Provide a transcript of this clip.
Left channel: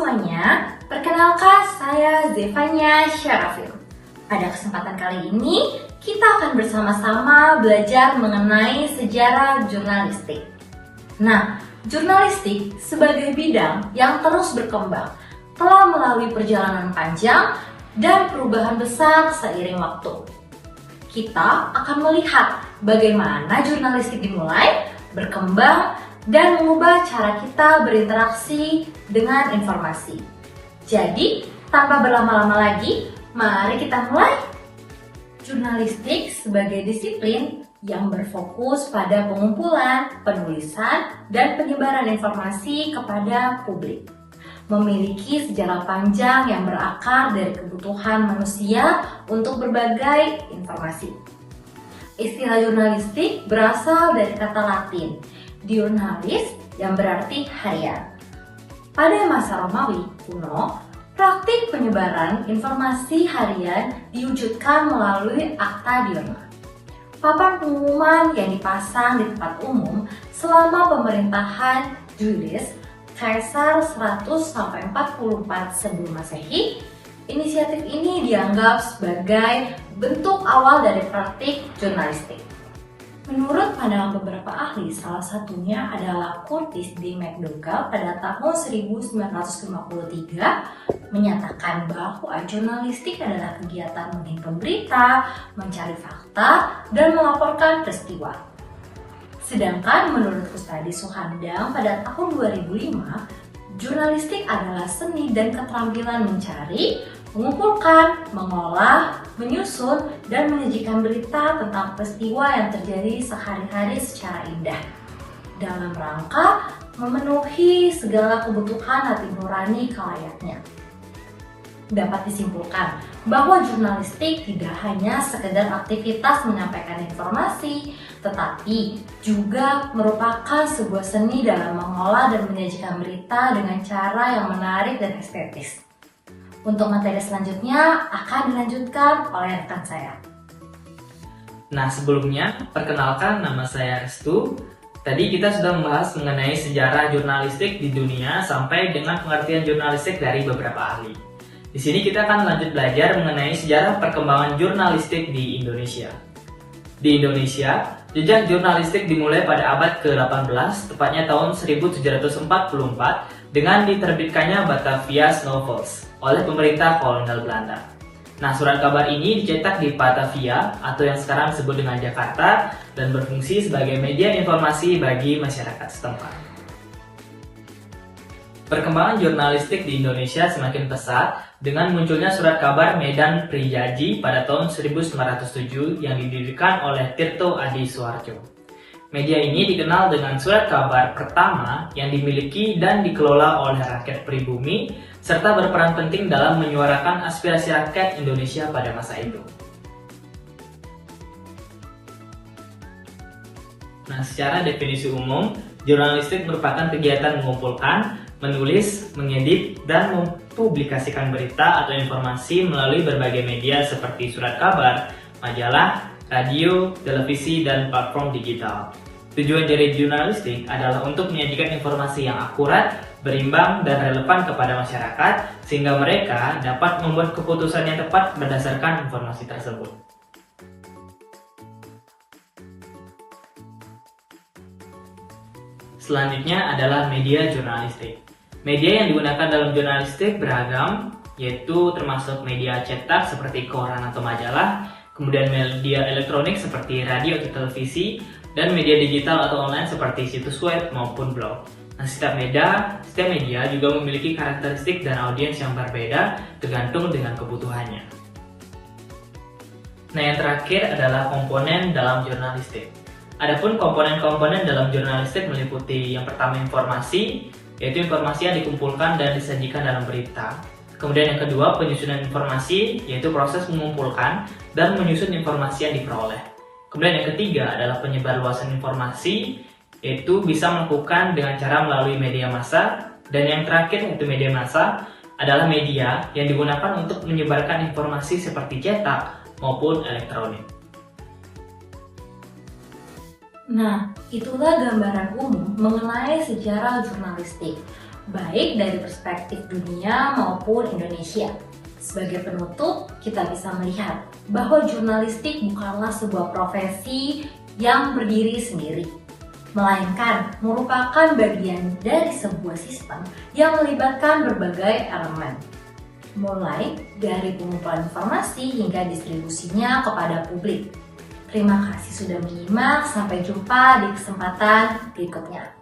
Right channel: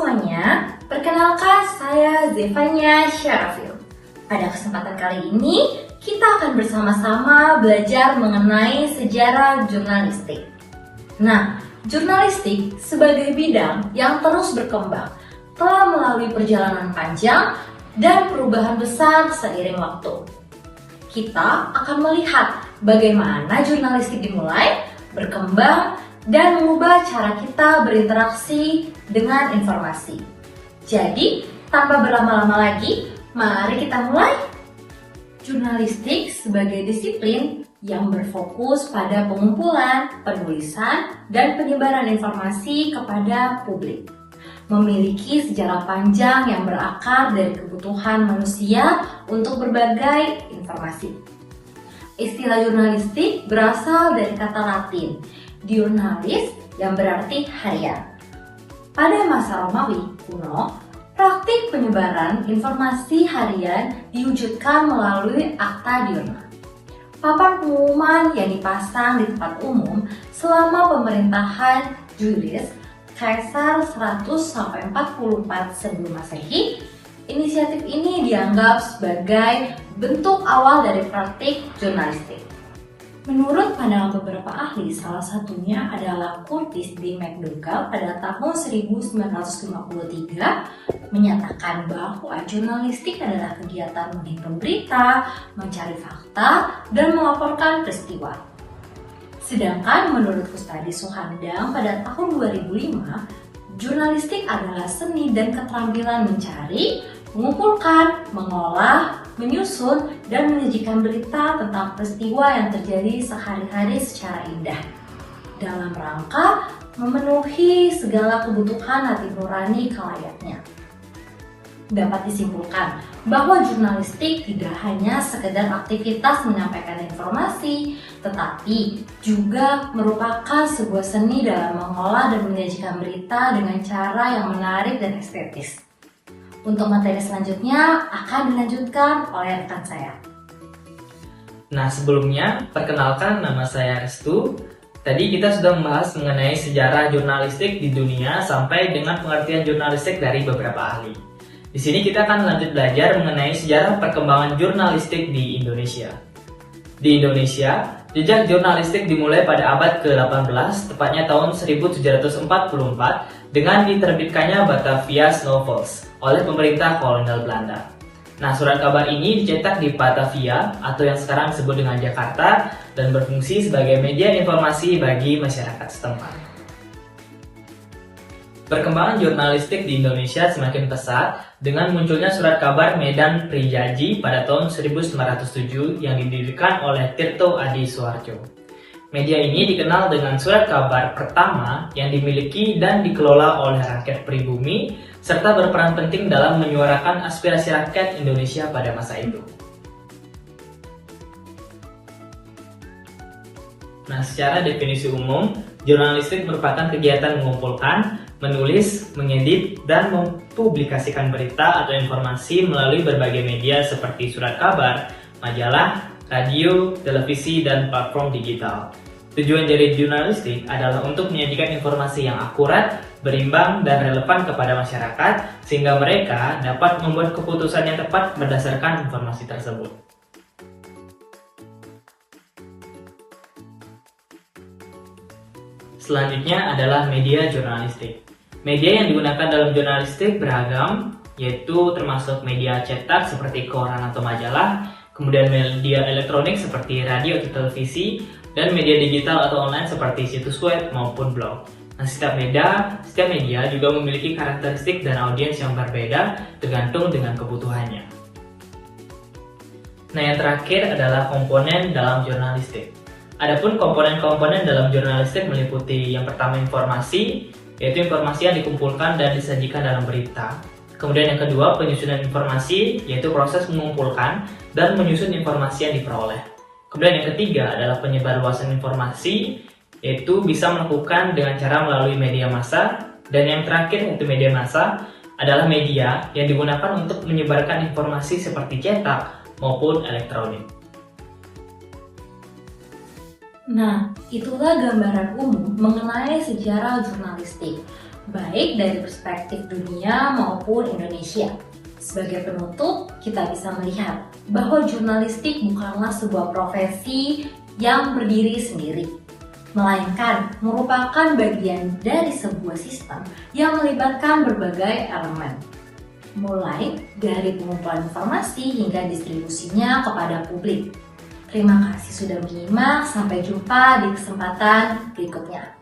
semuanya, perkenalkan saya Zevanya Syarafil. Pada kesempatan kali ini, kita akan bersama-sama belajar mengenai sejarah jurnalistik. Nah, jurnalistik sebagai bidang yang terus berkembang, telah melalui perjalanan panjang dan perubahan besar seiring waktu. Kita akan melihat bagaimana jurnalistik dimulai, berkembang, dan mengubah cara kita berinteraksi dengan informasi. Jadi, tanpa berlama-lama lagi, mari kita mulai. Jurnalistik sebagai disiplin yang berfokus pada pengumpulan, penulisan, dan penyebaran informasi kepada publik. Memiliki sejarah panjang yang berakar dari kebutuhan manusia untuk berbagai informasi. Istilah jurnalistik berasal dari kata Latin, diurnalis, yang berarti harian. Pada masa Romawi kuno, praktik penyebaran informasi harian diwujudkan melalui akta diurna. Papan pengumuman yang dipasang di tempat umum selama pemerintahan Julius Caesar 100-44 sebelum Masehi. Inisiatif ini dianggap sebagai bentuk awal dari praktik jurnalistik. Menurut pandangan beberapa ahli, salah satunya adalah Curtis D. McDougall pada tahun 1953 menyatakan bahwa jurnalistik adalah kegiatan menghimpun berita, mencari fakta, dan melaporkan peristiwa. Sedangkan menurut Kustadi Suhandang pada tahun 2005, jurnalistik adalah seni dan keterampilan mencari, mengumpulkan, mengolah, menyusun, dan menyajikan berita tentang peristiwa yang terjadi sehari-hari secara indah dalam rangka memenuhi segala kebutuhan hati nurani kelayaknya. Dapat disimpulkan bahwa jurnalistik tidak hanya sekedar aktivitas menyampaikan informasi, tetapi juga merupakan sebuah seni dalam mengolah dan menyajikan berita dengan cara yang menarik dan estetis. Untuk materi selanjutnya akan dilanjutkan oleh rekan saya. Nah, sebelumnya, perkenalkan nama saya Restu. Tadi kita sudah membahas mengenai sejarah jurnalistik di dunia sampai dengan pengertian jurnalistik dari beberapa ahli. Di sini kita akan lanjut belajar mengenai sejarah perkembangan jurnalistik di Indonesia. Di Indonesia, jejak jurnalistik dimulai pada abad ke-18, tepatnya tahun 1744, dengan diterbitkannya Batavia Novels oleh pemerintah kolonial Belanda. Nah, surat kabar ini dicetak di Batavia atau yang sekarang disebut dengan Jakarta dan berfungsi sebagai media informasi bagi masyarakat setempat. Perkembangan jurnalistik di Indonesia semakin pesat dengan munculnya surat kabar Medan Prijaji pada tahun 1907 yang didirikan oleh Tirto Adi Suharjo. Media ini dikenal dengan surat kabar pertama yang dimiliki dan dikelola oleh rakyat pribumi serta berperan penting dalam menyuarakan aspirasi rakyat Indonesia pada masa itu. Nah, secara definisi umum, jurnalistik merupakan kegiatan mengumpulkan, menulis, mengedit, dan mempublikasikan berita atau informasi melalui berbagai media seperti surat kabar, majalah, radio, televisi, dan platform digital. Tujuan dari jurnalistik adalah untuk menyajikan informasi yang akurat, berimbang, dan relevan kepada masyarakat sehingga mereka dapat membuat keputusan yang tepat berdasarkan informasi tersebut. Selanjutnya adalah media jurnalistik. Media yang digunakan dalam jurnalistik beragam, yaitu termasuk media cetak seperti koran atau majalah, kemudian media elektronik seperti radio atau televisi, dan media digital atau online seperti situs web maupun blog. Nah, setiap media juga memiliki karakteristik dan audiens yang berbeda tergantung dengan kebutuhannya. Nah, yang terakhir adalah komponen dalam jurnalistik. Adapun komponen-komponen dalam jurnalistik meliputi yang pertama informasi, yaitu informasi yang dikumpulkan dan disajikan dalam berita. Kemudian yang kedua penyusunan informasi, yaitu proses mengumpulkan dan menyusun informasi yang diperoleh. Kemudian yang ketiga adalah penyebarluasan informasi, yaitu bisa melakukan dengan cara melalui media massa. Dan yang terakhir yaitu media massa adalah media yang digunakan untuk menyebarkan informasi seperti cetak maupun elektronik. Nah, itulah gambaran umum mengenai sejarah jurnalistik. baik dari perspektif dunia maupun Indonesia. Sebagai penutup, kita bisa melihat bahwa jurnalistik bukanlah sebuah profesi yang berdiri sendiri, melainkan merupakan bagian dari sebuah sistem yang melibatkan berbagai elemen, mulai dari pengumpulan informasi hingga distribusinya kepada publik. Terima kasih sudah menyimak, sampai jumpa di kesempatan berikutnya.